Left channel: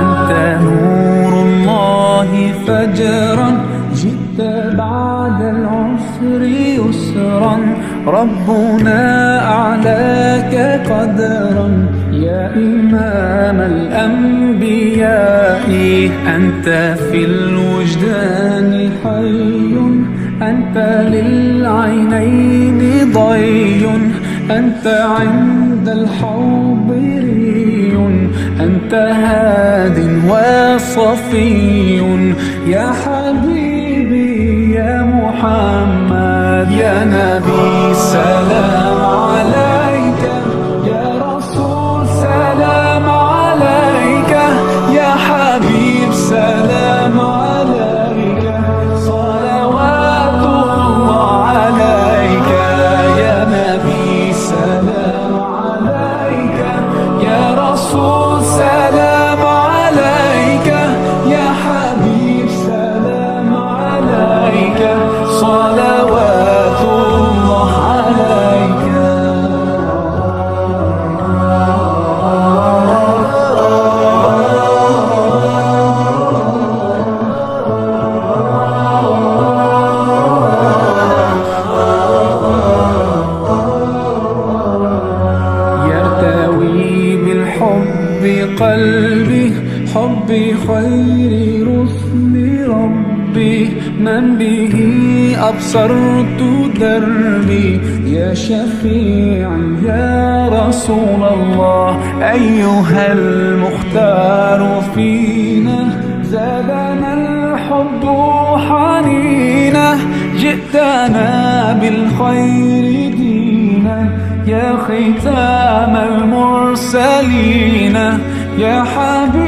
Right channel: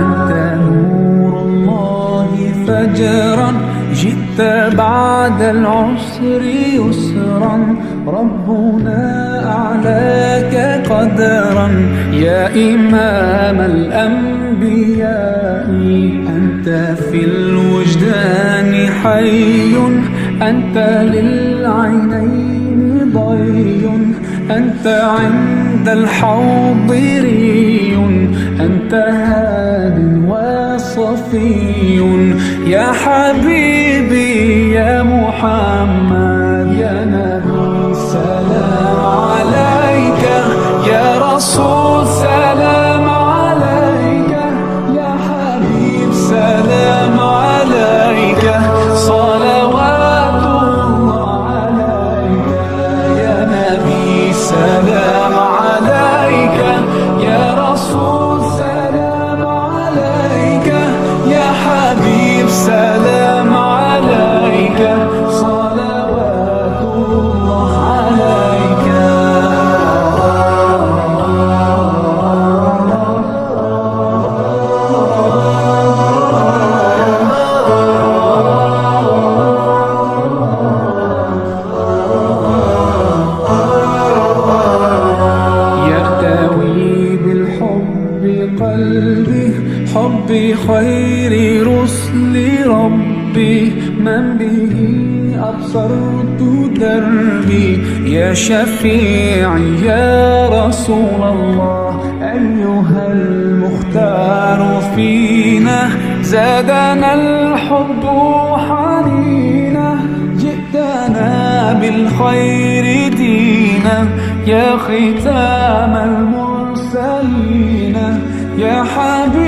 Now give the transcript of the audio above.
أنت نور الله فجرا جئت بعد العسر يسرا. ربنا أعلاك قدرا. يا إمام الأنبياء أنت في الوجدان حي. أنت للعينين ضي. أنت عند الحوض أنت هاد وصفي يا حبيبي يا محمد. قلبي حب خير رسل ربي. من به أبصرت دربي. يا شفيعي يا رسول الله. أيها المختار فينا زادنا الحب حنينا جئتنا بالخير دينا. يا ختام المرسلين. يا حبيبي